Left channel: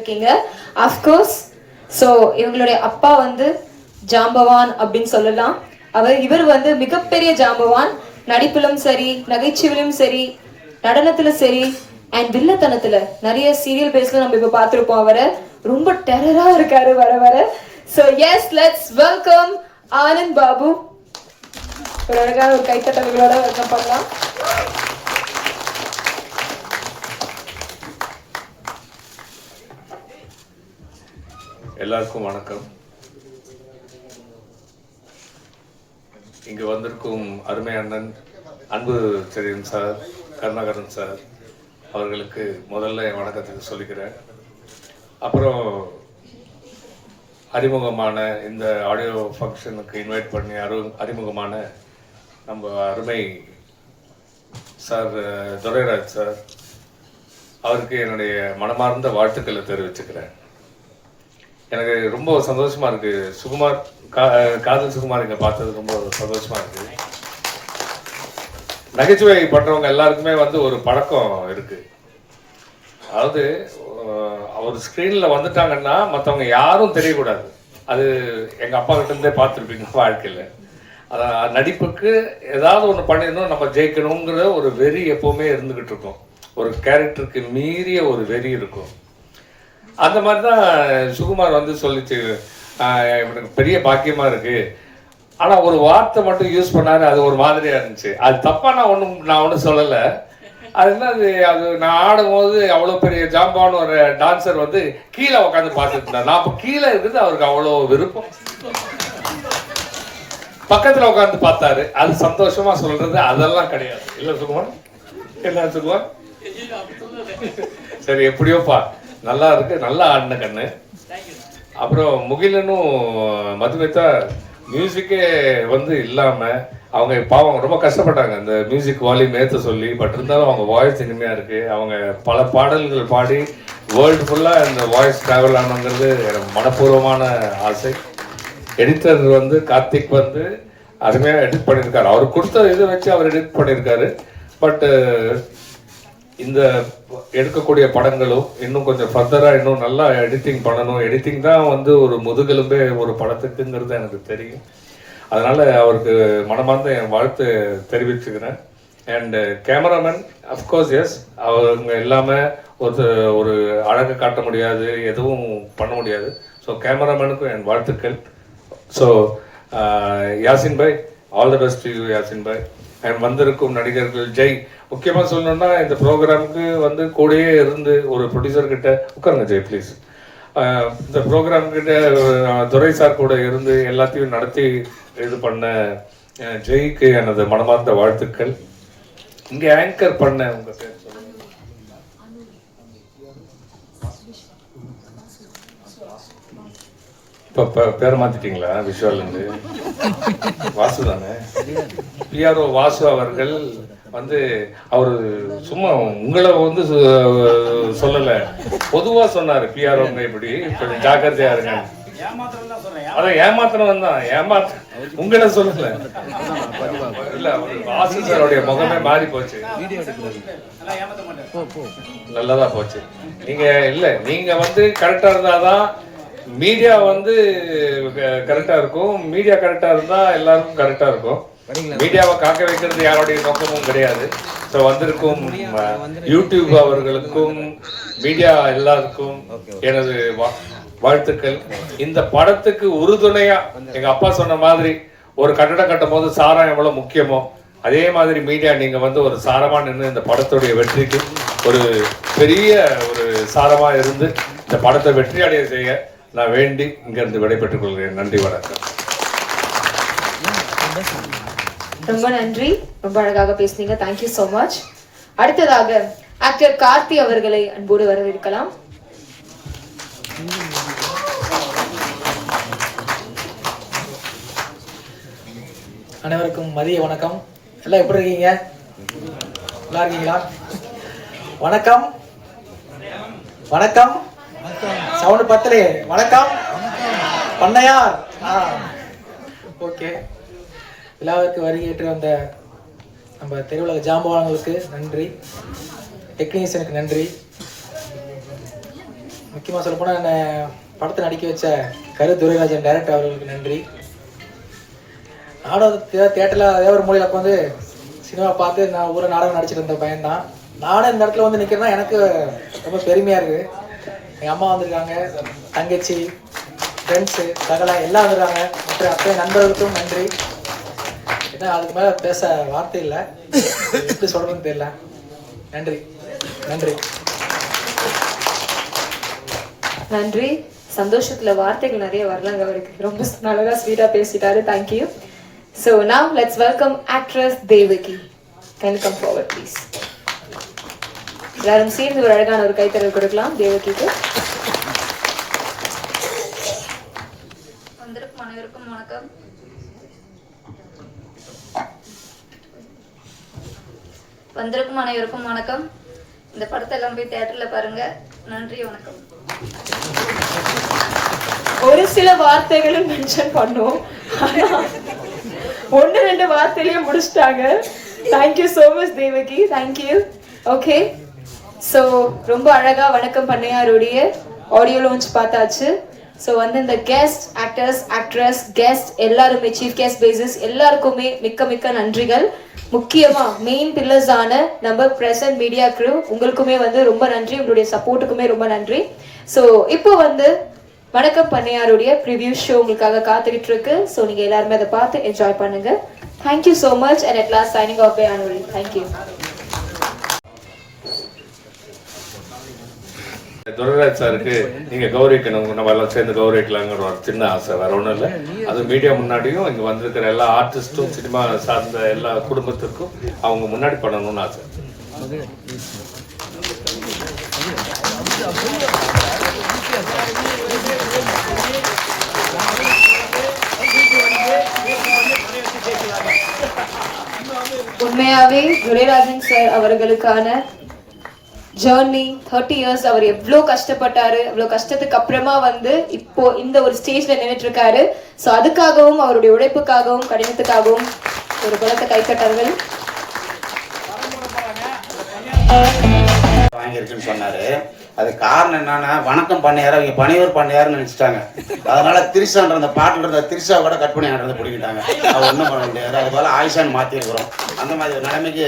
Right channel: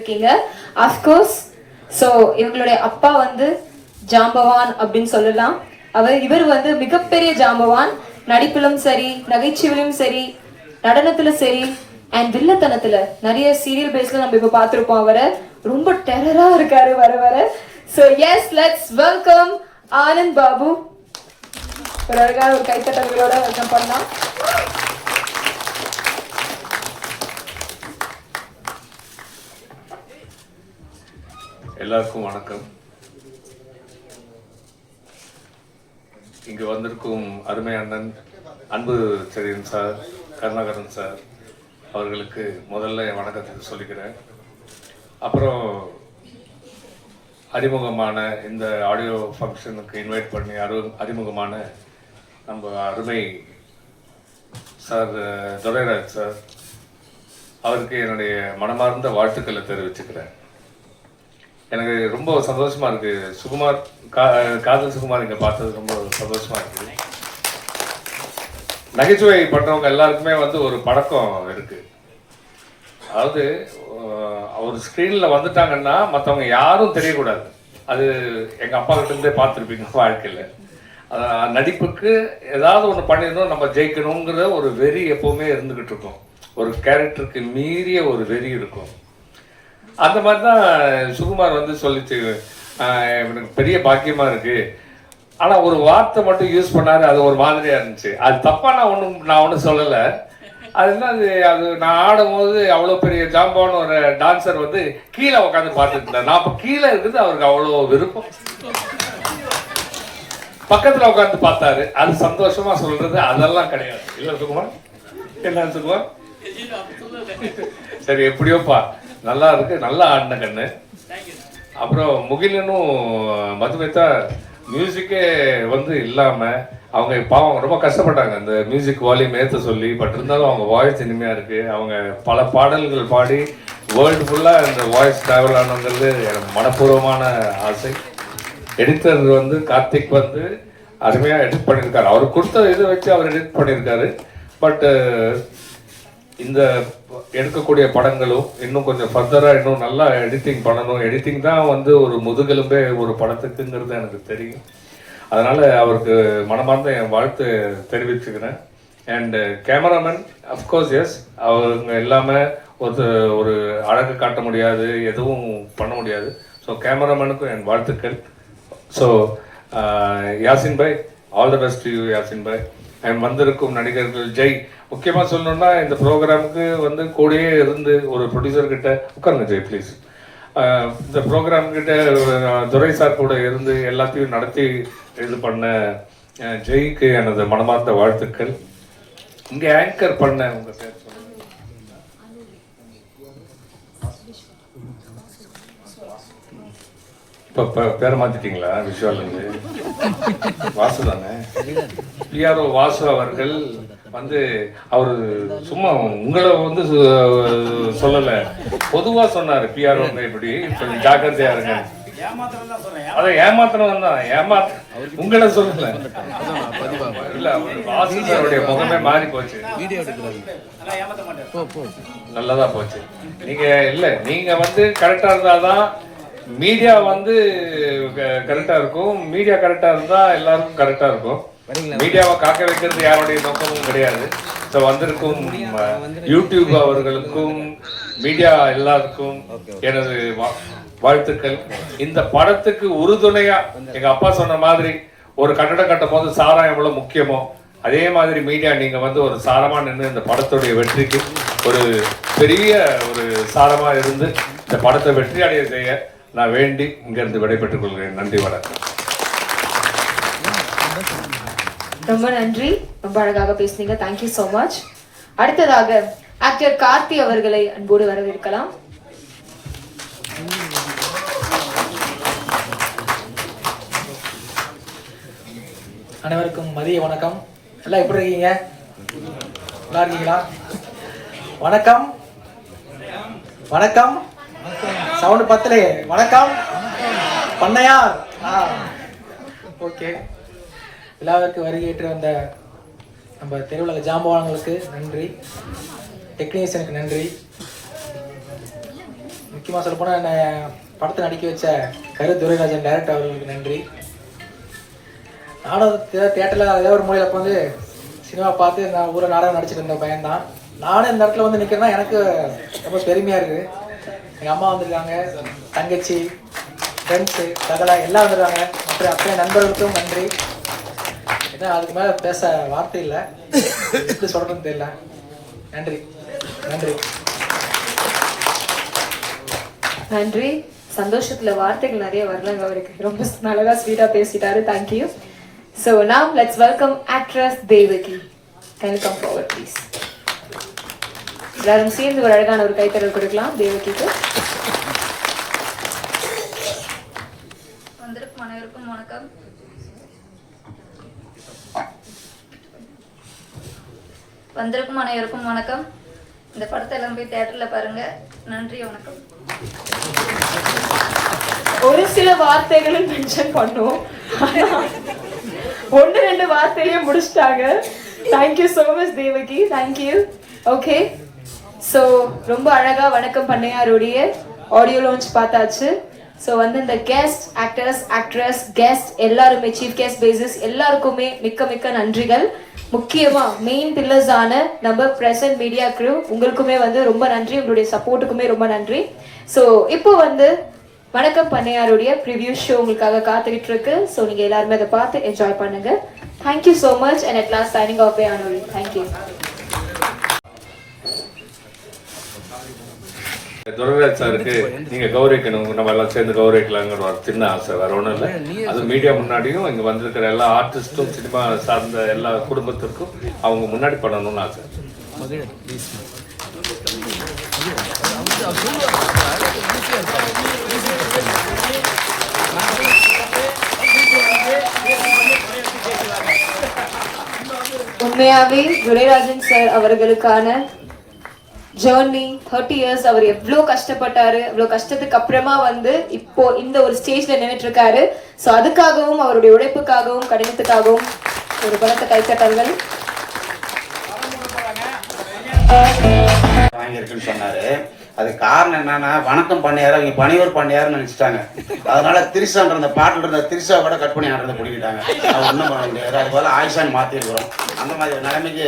இருக்கீங்க. Of course, so இவங்களுடைய அப்பா வந்து ஜாம்பவான் அப்படின்னு சொல்லலாம். இவர் வந்து மிகப்பெரிய ஜாம்பவான். நடிப்பிலும் சரி, நகைச்சுவிலும் சரி, நடனத்துல சரி, அண்ட் வில்லத்தனத்துல நிறைய சீரியல் பேஸ்ல நம்ம இப்ப பார்த்திருப்போம். அவரை ரொம்ப டெரரா இருக்காரு வர வர. So yes, let's welcome Anand Babu. ஒரு அழகான ஒரு கைத்தட்டங்களோட வெல்கம் பண்ணலாம். எல்லாருக்கும் வணக்கம். இங்கு வந்திருக்கும் அருமை அண்ணன் அன்பு செழியன் சார், கருணாகரன் சார் அவர்களுக்கு முதல்ல என் வணக்கத்தை சொல்லிக்கிறேன். அப்புறம் அறிமுகமான இந்த ஆடியோ ஃபங்க்ஷனுக்கு இன்வைட் பண்ணி அறிமுகமான நம்ம அருமை சார் துரைராஜ் சார் அவருக்கு என்னுடைய மனமார்ந்த வாழ்த்துக்களை தெரிவிச்சுக்கிறேன். எனக்கு ரொம்ப சந்தோஷமா இருக்கு. சுகுமார் காதல் சுகுமார் இங்க பார்த்தது ரொம்ப சந்தோஷமா இருக்கு. நகைச்சுவை பண்றவங்க எல்லாருக்குமே வந்து ஒரு பழக்கம் இருக்கு. அதாவது அவர் ஸ்கிரீன்ல வந்துட்டாங்கன்னா மற்றவங்க யாரும் தெரியக்கூடாது. அது எங்க அப்பா கிட்ட இருந்தே பார்த்துருப்பீங்க வாழ்க்கையில. நடிப்புக்கு ஏதாவது ஒன்று பண்ணிடணும், நம்ம ஜெயிக்கணுங்கிற ஒரு வெறி எப்பவுமே இருந்துகிட்டு இருக்கும். ஒரு கேரக்டருக்கு மீறிய ஒரு வெறி இருக்கும். அந்த மாதிரி தான் சுகுமார் வந்து சொல்லிச்சு, எனக்கு பெரிய பாக்கியமா இருக்கு. ஆனா ஒரு வார்த்தை மட்டும் யூஸ் பண்ணாரு, அது ஒரு மாதிரியா இருந்துச்சு. அது தப்பா நான் ஒன்றும் சொல்லலை. அது என்ன, அது நான் ஆடும் போது அவ்வளவு பெரிய ஜாம்பான ஒரு டான்சர் வந்து கீழே உட்காந்து பார்த்துட்டு இருந்தார். நான் அப்ப கீழே இருக்குது அவருக்கு அவ்வளோ விருப்பம். பக்கத்துல உட்காந்து பார்த்தாரு. அது சந்தோஷமா சொல்றது அதெல்லாம் கிடையாது. இல்ல சுகுமார், என்ன சுகுமார்? சரி, எப்படியோப்பா நல்லா இருக்கு, நல்லா ஆடின கண்ணு. அப்புறம் முகிலனும் மதுமிதா மியூசிக்கே வந்து இல்லாம அவங்க பாவம் ரொம்ப கஷ்டப்பட்டாங்க இந்த மியூசிக் வால்யூம் ஏற்ற சொல்லி. பட் இருந்தாலும் அவங்க வாய்ஸ் இனிமையா இருக்கு. அவங்க பல பாடல்கள் பாடி வேர்ல்டு ஃபுல்லா இந்த வாய்ஸ் டிராவல் ஆனங்கிறது எனக்கு மனப்பூர்வமான ஆசை. எடிட்டர் வந்து கார்த்திக் வந்து அருமையா எடிட் பண்ணியிருக்காரு. அவர் கொடுத்த இதை வச்சு அவர் எடிட் பண்ணியிருக்காரு. பட் இந்த எடுக்கக்கூடிய படங்களும் இன்னும் கொஞ்சம் ஃபர்தரா இன்னும் நல்லா எடிட்டிங் பண்ணணும். எடிட்டிங் தான் வந்து ஒரு முதுகெலும்பே ஒரு படத்துக்குங்கிறது எனக்கு தெரியும். அதனால அவருக்கு மனமார்ந்த என் வாழ்த்து தெரிவிச்சுக்கிறேன். அண்ட் கேமராமேன் அஃப்கோர்ஸ் எஸ், அவங்க எல்லாமே ஒரு அழகு காட்ட முடியாது, எதுவும் பண்ண முடியாது. ஸோ கேமராமேனுக்கும் என் வாழ்த்துக்கள். So Yasin bhai, all the best you Yasin bhai. வந்திருக்கும் நடிகர்கள் ஜெய், முக்கியமா சொல்லணும்னா இந்த ப்ரோக்ராமுக்கு வந்து கூடயே இருந்து ஒரு ப்ரொடியூசர் கிட்ட உட்காருங்க ஜெய் ப்ளீஸ். இந்த ப்ரோக்ராம் கிட்ட துரை சார் கூட இருந்து எல்லாத்தையும் நடத்தி இது பண்ண ஜெய்க்கு எனது மனமார்ந்த வாழ்த்துக்கள். இங்க ஆங்கர் பண்ண உங்க பேர் இப்ப பேரை மாத்திட்டீங்களா? விஷுவல் வாசு தானே? பிஆர்ஓ வாசு அவர்கள் வந்து அவரு சும்மா உங்களை வந்து சொல்லல, பொதுவா சொன்னாரு. பிஆர்ஓ இப்படி கொஞ்சம் ஜாக்கிரதையா இருங்க. அதான் ஏமாத்திரம் தான், உங்களை சொல்லல. இல்ல, வாசு சாருடைய முகமே மாறி போச்சு, நல்லதா போச்சு. நீங்க இல்ல, நீங்க வந்து கரெக்டா இருந்தாதான் மீடியா வந்து கரெக்டா இருக்கும். மீடியா கரெக்டா இருந்தா எல்லாருக்கும் கரெக்டா இருக்கும். மீடியாவை காக்க வைக்கிறது யாருடைய நோக்கமும் கிடையாது. ஸோ வந்திருக்கும் யூடியூப் அவர்களுக்கும் மீடியா எல்லாருக்கும் எனது வாழ்த்துக்கள். இந்த படத்துக்கு உறுதுணையா எங்க அப்பா சொன்ன மாதிரி ஒரு கட்டடம் கட்டும் போது சாரம் எவ்வளவு முக்கியமோ அதே மாதிரி மீடியா நீங்க வந்து ஒரு சாரமா நின்று இந்த படத்துடைய வெற்றிக்கு ஒரு பெரிய ஒரு சாரமா இருந்து இந்த படத்தை வெற்றி அடைய செய்ய நான் வேண்டி இங்க இருந்து விடைபெற்றுக் கொள்கிறேன். நன்றி, வணக்கம். ரொம்ப நன்றி, ரொம்ப அழகாக பேசுனீங்க. Thank you so much. அடுத்ததாக ஆக்டர் கார்த்தி அவர்களை அன்போடு வரவேற்கலாம். அனைவருக்கும் மதிய வணக்கம். எல்லாம் எப்படி இருக்கீங்க? நல்லா இருக்கீங்களா? வணக்கம் வணக்கம். சவுண்ட் பத்தலே. வணக்கம் பண்ணையா. ஓகே, விழாவிற்கு வருகையேற்று வந்த நம்ம தெருவுலக ஜாம்பவான்களுக்கு நன்றி, டெக்னீஷியனுக்கு நன்றி, முக்கியமாக சொல்லப்போனால் என்னை படத்தை நடிக்க வச்ச கரு துரைராஜன் டைரக்டர் அவர்களுக்கு நன்றி. நானும் தியேட்டரில் அதே ஒரு மூலையில் உட்காந்து சினிமா பார்த்து நான் ஊரை நாடகம் நடிச்சிட்டு இருந்த பையன்தான். நானும் இந்த இடத்துல வந்து நிற்கிறேன்னா எனக்கு ரொம்ப பெருமையாக இருக்குது. எங்கள் அம்மா வந்திருக்காங்க, தங்கச்சி, ஃப்ரெண்ட்ஸு, சகலா எல்லாம் வந்திருக்காங்க. மற்ற அத்தனை நண்பர்களுக்கும் நன்றி. ஏன்னா அதுக்கு மேலே பேச வார்த்தை இல்லை, எப்படி சொல்கிறதுன்னு தெரியல. நன்றி நன்றி நன்றி. சந்தோஷத்துல வார்த்தைகள் நிறைய வரலங்க அவருக்கு. ரொம்ப நல்லதா ஸ்வீட்டா பேசிட்டாரு. Thank you. So now let's welcome actress Devaki. Can you come forward please? எல்லாரும் சேர்ந்து ஒரு அழகான ஒரு கைத்தறல் கொடுக்கலாம் தேவகிக்கு. வந்திருக்கும் அனைவருக்கும் வணக்கம். இந்த படத்தை எல்லாம் போய் தியேட்டர்ல பாருங்க. நன்றி, வணக்கம். ஒரு சில வார்த்தைகளும் மென்ஷன் பண்ணுவோம், ஒன்னு ரெண்டு வார்த்தையிலேயே முடிச்சிட்டாங்க. Thank you so much Devaki, thank you. Okay, so ரொம்ப அழகா வணக்கம் பண்ணையாருடைய ஆடியோ லான்ச் பார்த்தாச்சு. ஸோ வந்து இந்த கெஸ்ட் ஆக்டர்ஸ், ஆக்ட்ரஸ், கெஸ்ட் எல்லாருமே, சீஃப் கெஸ்ட் பேசிஸ் எல்லாருக்குமே மிக்க மிக்க நன்றிகள். முக்கியமா மெயின் பில்லர்ஸ் ஆன நம்ம பிரசன்ட் மீடியா க்ரூ உங்களுக்குமே வந்து ரொம்ப நன்றி, உங்களுடைய சப்போர்ட்டுக்குமே ரொம்ப நன்றி. ஸோ இப்போ வந்து வணக்கம் பண்ணையாருடைய ப்ரிவியூ ஷோ உங்களுக்காக காத்துக்கிட்டு இருக்கு. ஸோ நீங்க எல்லாருமே அதை பார்த்து என்ஜாய் பண்ணுங்க. Thank you so much and at last signing off by அனுரி. தேங்க்யூ. துரைராஜ் சாருக்கு நீங்க கௌரவிக்கணும், நம்ம எல்லாம் சேர்ந்து கௌரவிக்கலாங்கிற ஒரு சின்ன ஆசை, வேற ஒன்றும் இல்லை. அது மீடியா முன்னாடியும் இங்க வந்திருக்கிற எல்லா ஆர்டிஸ்டும், சினிமா சார்ந்த எல்லா குடும்பத்திற்கும் அவங்க முன்னாடி பண்ணணும்னு ஆசை. உண்மையாவே துரைராஜன் சார் அவர்களுக்கான ஜர்னி 30 இயர்ஸ் அவர் எவ்வளோ கஷ்டப்பட்டாரு, எவ்வளோ கஷ்டத்துக்கு அப்புறமா வந்து இப்போ இந்த ஒரு ஸ்டேஜ்ல நின்றுட்டு இருக்காரு. ஸோ அதுக்காகவும் அவருடைய உழைப்புக்காகவும் கடினத்துக்காகவும் ஒரு பலத்தை கைத்தட்டர்கள். வாங்கியிருக்குன்னு சொன்னாரு. அது காரணம் என்னன்னா, வணக்கம் பண்ணையாரு அவங்க பணியூர் பண்ணையாருன்னு நினைச்சிட்டாங்க. அதனால திரிசான்ற அந்த பாட்டுன்ற திரிசா கூட கட் பண்ணி ஆடுறத பிடிக்கிட்டாங்க. அது ஒன்றும் பண்ண முடியாது. அது போல ஆயுஷான் மாற்றிருக்கிறோம். அந்த மாதிரி ஒரு நிலைமைக்கு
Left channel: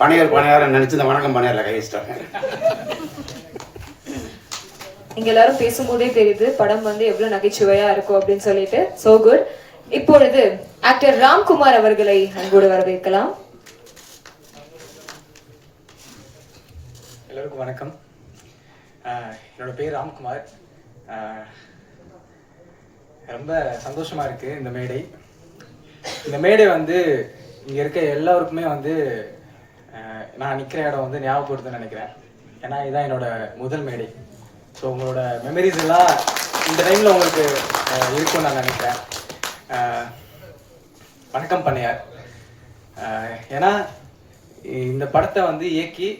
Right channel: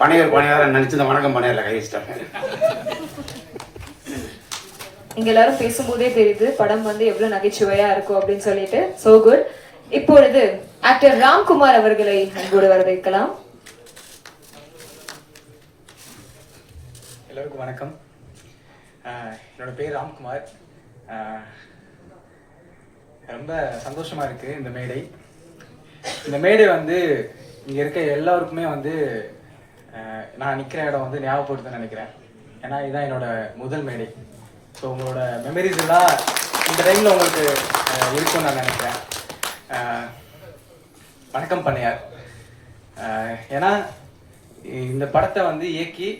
பணியூர் பண்ணையாரு நினைச்சு இந்த வணக்கம் பண்ணையாரில் கை வச்சிட்டாங்க. இங்க எல்லாரும் பேசும்போதே தெரியுது படம் வந்து எவ்வளவு நகைச்சுவையா இருக்கும் அப்படின்னு சொல்லிட்டு. So good. இப்பொழுது ஆக்டர் ராம்குமார் அவர்களை அன்போடு வரவேற்கலாம். எல்லோருக்கும் வணக்கம். என்னோட பேர் ராம்குமார். ரொம்ப சந்தோஷமா இருக்கு இந்த மேடை வந்து இங்க இருக்க எல்லாருக்குமே வந்து நான் நிக்கிற இடம் வந்து ஞாபகப்படுத்துன்னு நினைக்கிறேன். ஏன்னா இதுதான் என்னோட முதல் மேடை. ஸோ உங்களோட மெமரிஸ் எல்லாம் இந்த டைம்ல உங்களுக்கு இருக்கும்னு நான் நினைக்கிறேன். வணக்கம் பண்ணையார். ஏன்னா இந்த படத்தை வந்து இயக்கி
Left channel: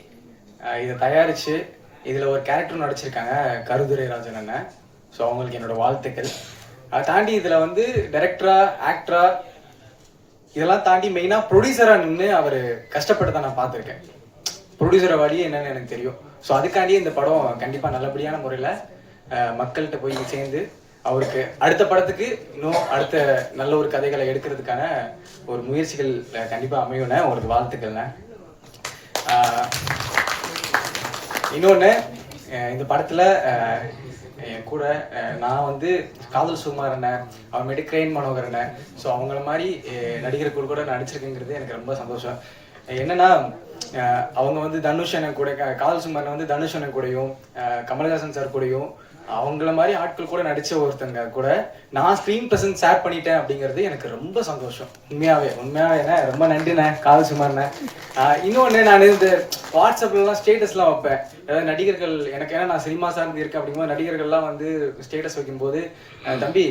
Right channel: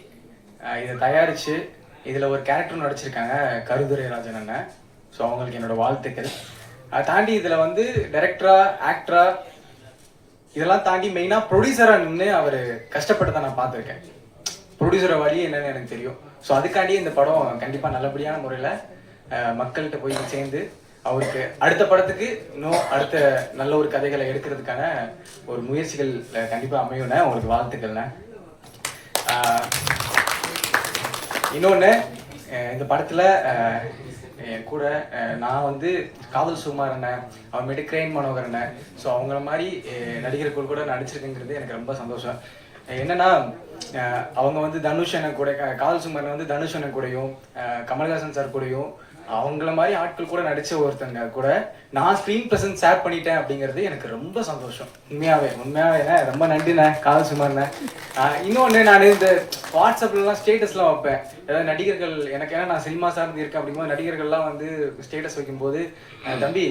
இதை தயாரிச்சு இதுல ஒரு கேரக்டர் நடிச்சிருக்காங்க கருதுரைராஜன் அண்ணன். ஸோ அவங்களுக்கு என்னோட வாழ்த்துக்கள். அதை தாண்டி இதுல வந்து டைரக்டரா, ஆக்டரா இதெல்லாம் தாண்டி மெயினா ப்ரொடியூசரா நின்று அவர் கஷ்டப்பட்டு நான் பார்த்துருக்கேன். ப்ரொடியூசரை வழி என்னன்னு எனக்கு தெரியும். ஸோ அதுக்காண்டி இந்த படம் கண்டிப்பா நல்லபடியான முறையில மக்கள்கிட்ட போய் சேர்ந்து அவருக்கு அடுத்த படத்துக்கு இன்னும் அடுத்த நல்ல ஒரு கதைகளை எடுக்கிறதுக்கான ஒரு முயற்சிகள் கண்டிப்பா அமையும்னு உங்களுக்கு வாழ்த்துக்கள்ண்ண. இன்னொன்று, இந்த படத்துல கூட நான் வந்து காதல் சுமார் அண்ணன், அப்புறமேட்டு கிரைன் மனோகர் அண்ணன், ஸோ அவங்கள மாதிரி நடிகர்கள் கூட நடிச்சிருக்குங்கிறது எனக்கு ரொம்ப சந்தோஷம். என்னன்னா அவங்க வந்து தனுஷ் அண்ணன் கூட, காதல் சுமார் வந்து தனுஷ் அண்ணன் கூடயும் கமல்ஹாசன் சார் கூடயும் அவங்கள மாதிரி ஆட்கள் கூட நடிச்ச ஒருத்தங்க கூட நான் ஸ்க்ரீன் பிரசன்ஸ் ஷேர் பண்ணிட்டேன் அப்படிங்கிறது எனக்கு ரொம்ப சந்தோஷம். உண்மையாவே ரொம்ப நன்றிண்ணே காதல் சுமார்ண்ணே. இன்னொன்று, நான் இந்த வாட்ஸ்அப்லாம் ஸ்டேட்டஸ்லாம் வைப்பேன். ஏதாவது நடிகர்கள் எனக்கு, ஏன்னா நான் சினிமா சார்ந்து இருக்கேன் அப்படிங்கும்போது நடிகர்கள்லாம் வந்து ஸ்டேட்டஸ் வைக்கும்போது தம்பி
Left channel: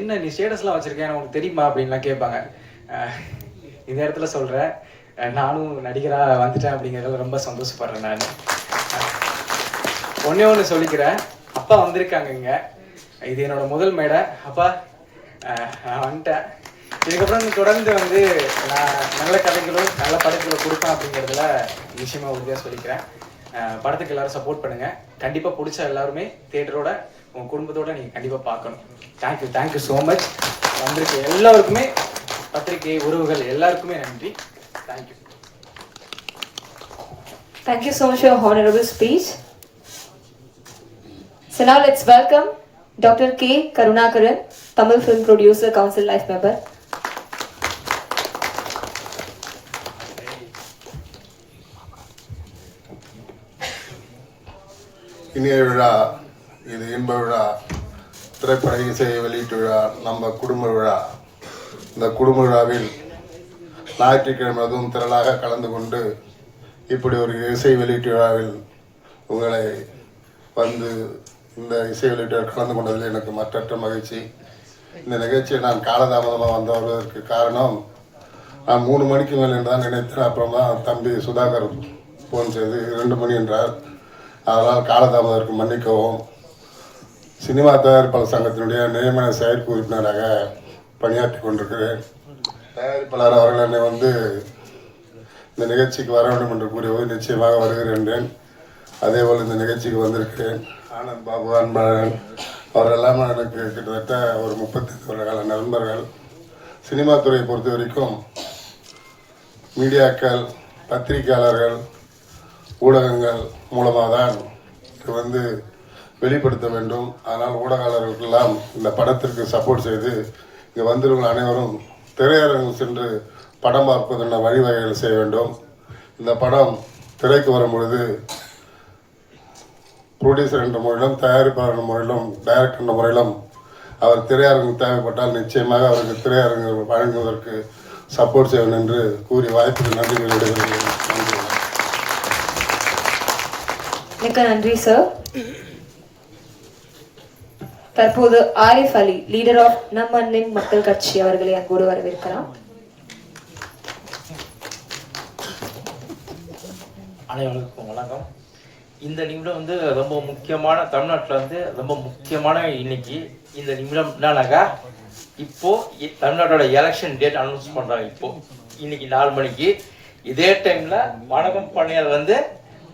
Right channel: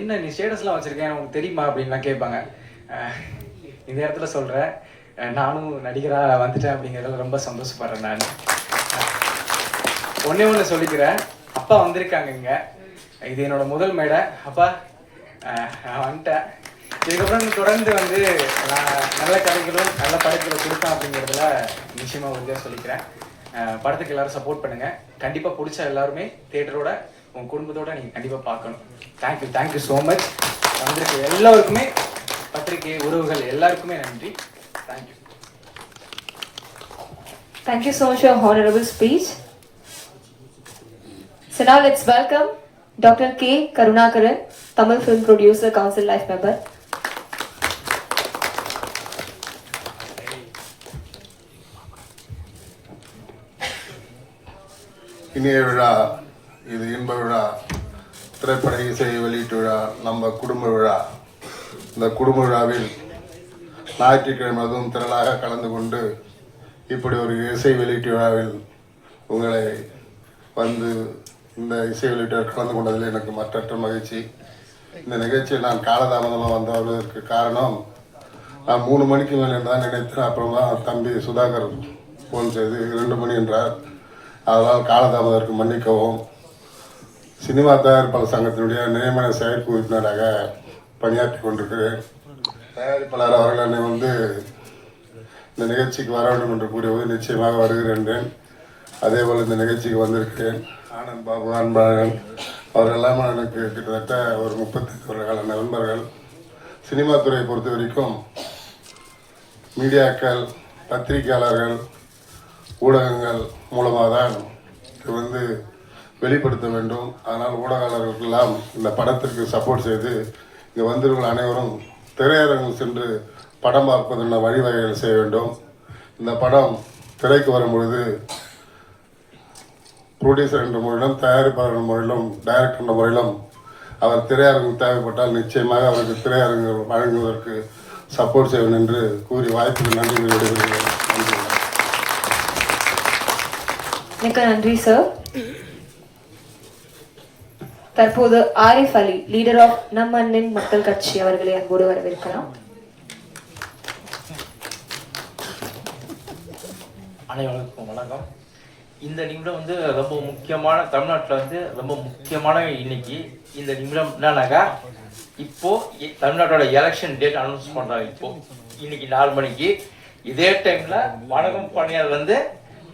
என்ன நீ ஸ்டேட்டஸ்லாம் வச்சிருக்கேன் உனக்கு தெரியுமா அப்படின்லாம் கேட்பாங்க. இந்த இடத்துல சொல்கிறேன், நானும் நடிகராக வந்துட்டேன் அப்படிங்கிறதுல ரொம்ப சந்தோஷப்படுறேன். நான் ஒன்று சொல்லிக்கிறேன், அப்பா வந்திருக்காங்க இங்க, இது என்னோட முதல் மேடை. அப்பா வந்துட்டேன். இதுக்கப்புறம் தொடர்ந்து வந்து நான் நல்ல கதைகளும் நல்ல படங்களை கொடுப்பேன் அப்படிங்கிறதுல நிச்சயமா உறுதியாக சொல்லிக்கிறேன். படத்துக்கு எல்லாரும் சப்போர்ட் பண்ணுங்க. கண்டிப்பா பிடிச்ச எல்லாருமே தியேட்டரோட உங்க குடும்பத்தோட நீங்க கண்டிப்பா பார்க்கணும். Thank you so much. வந்திருக்க எல்லாருக்குமே, பத்திரிகை உறவுகள் எல்லாருக்குமே நன்றி. Thank you. Thank you so much for your honorable speech. So now let's welcome Dr. K. Karunakaran, Tamil Film Producer Council Life Member. இனிய விழா, இது இன்ப விழா, திரைப்பட இசை வெளியீட்டு விழா, நம்ம குடும்ப விழா. இந்த குடும்ப விழாவில் ஞாயிற்றுக்கிழமை அதுவும் திரளாக கலந்து கொண்டு இப்படி ஒரு இசை வெளியீட்டு விழாவில் உங்களை வந்து இந்த இசை வெளியீட்டு கலந்து கொண்டதில் எனக்கு மற்றற்ற மகிழ்ச்சி. இந்த நிகழ்ச்சியை நான் காலதாமதமாக வருவதற்கு காரணம், நான் 3 மணிக்கு மேலே தான் நினைத்தேன். அப்புறமா தம்பி சுதாகர் ஃபோன் செய்து 2 மணி என்றார். அதனால் காலதாமதற்கு மன்னிக்கவும். சினிமா தயாரிப்பாளர் சங்கத்தினுடைய நியமன செயற்குழு உறுப்பினராக பணியாற்றி கொண்டிருக்கிறேன். தயாரிப்பாளர் அவர்கள் என்னை வந்து இந்த நிகழ்ச்சிக்கு வர வேண்டும் என்று கூறியது நிச்சயமாக வருகிறேன். அதே போல் இந்த நிகழ்ச்சிக்கு வந்திருக்கிறேன். ஆனந்த் பாபு, அன்பழகன் அவரெல்லாம் எனக்கு கிட்டத்தட்ட ஒரு 35 வருட நண்பர்கள். சினிமா துறையை பொறுத்த வரைக்கும் மீடியாக்கள், பத்திரிகையாளர்கள், ஊடகங்கள் மூலமாக தான் இது வந்து வெளிப்படுத்த வேண்டும். ஆனால் ஊடகங்களுக்கெல்லாம் இந்த படத்திற்கு சப்போர்ட் செய்து இங்கே வந்திருக்கிற அனைவரும் திரையரங்கு சென்று படம் பார்ப்பதற்கான வழிவகைகள் செய்ய வேண்டும். இந்த படம் திரைக்கு வரும் பொழுது ப்ரொடியூசர் என்ற முறையிலும், தயாரிப்பாளர் என்ற முறையிலும், டைரக்டர் என்ற முறையிலும் அவர் திரையரங்கு தேவைப்பட்டால் நிச்சயமாக அவருக்கு திரையரங்கு வழங்குவதற்கு சப்போர்ட் செய்வேன் என்று கூறி வாய்ப்புக்கு நன்றி விடைபெறுகிறேன். நன்றி. மிக்க நன்றி சார். தற்போது ஆரிஃப் அலி, லீடர் ஆஃப் நம் அன்னின் மக்கள் கட்சி அவர்களை அன்போடு வரவேற்கிறோம். அனைவருக்கும் வணக்கம். இந்த நிமிடம் வந்து ரொம்ப முக்கியமான, தமிழ்நாட்டில் வந்து ரொம்ப முக்கியமான இன்னைக்கு இந்த நிமிடம் என்னன்னாக்கா, இப்போ தமிழ்நாட்டோட எலெக்ஷன் டேட் அனௌன்ஸ் பண்றாங்க. இப்போ இன்னைக்கு 4 மணிக்கு இதே டைம்ல வணக்கம் பணியார் வந்து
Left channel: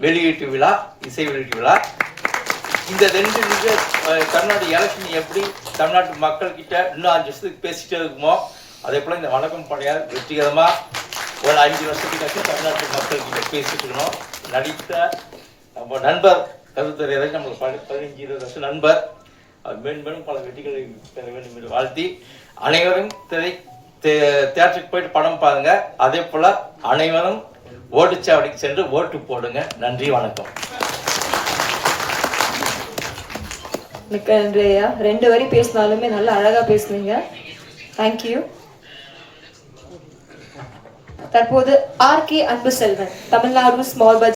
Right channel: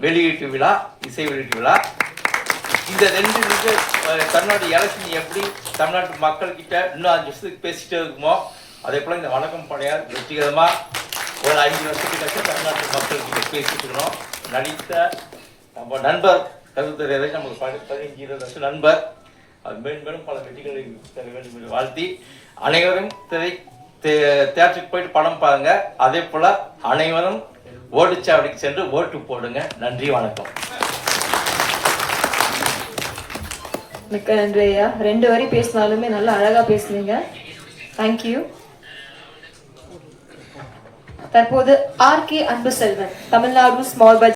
வெளியீட்டு விழா, இசை வெளியீட்டு விழா. இந்த 2 நிமிடம் தமிழ்நாடு எலெக்ஷன் எப்படி தமிழ்நாட்டு மக்கள் கிட்ட இன்னும் 5 வருஷத்துக்கு பேசிட்டே இருக்குமோ, அதே போல இந்த வணக்கம் பணியார் வெற்றிகரமா ஒரு 5 வருஷத்துக்கு தமிழ்நாட்டு மக்கள் கிட்ட பேசிட்டு இருக்கணும். நடித்த நம்ம நண்பர் கருத்தறியதை நமக்கு 15-20 வருஷம் நண்பர், அது மேன்மேலும் பல வெற்றிகளை பெற வேண்டும் என்று வாழ்த்தி, அனைவரும் தியேட்டருக்கு போயிட்டு படம் பாருங்க. அதே போல அனைவரும் ஓட்டுச்சாவடிக்கு சென்று ஓட்டு போடுங்க. நன்றி, வணக்கம். மிக்க நன்றி ஐயா. 2 வரி பேசினாலுமே நல்லா அழகா பேசுனீங்க. தேங்க்யூ. தற்போது ஆர் கே அன்பு செல்வன், தமிழ்நாடு ஸ்மால் பட்ஜெட்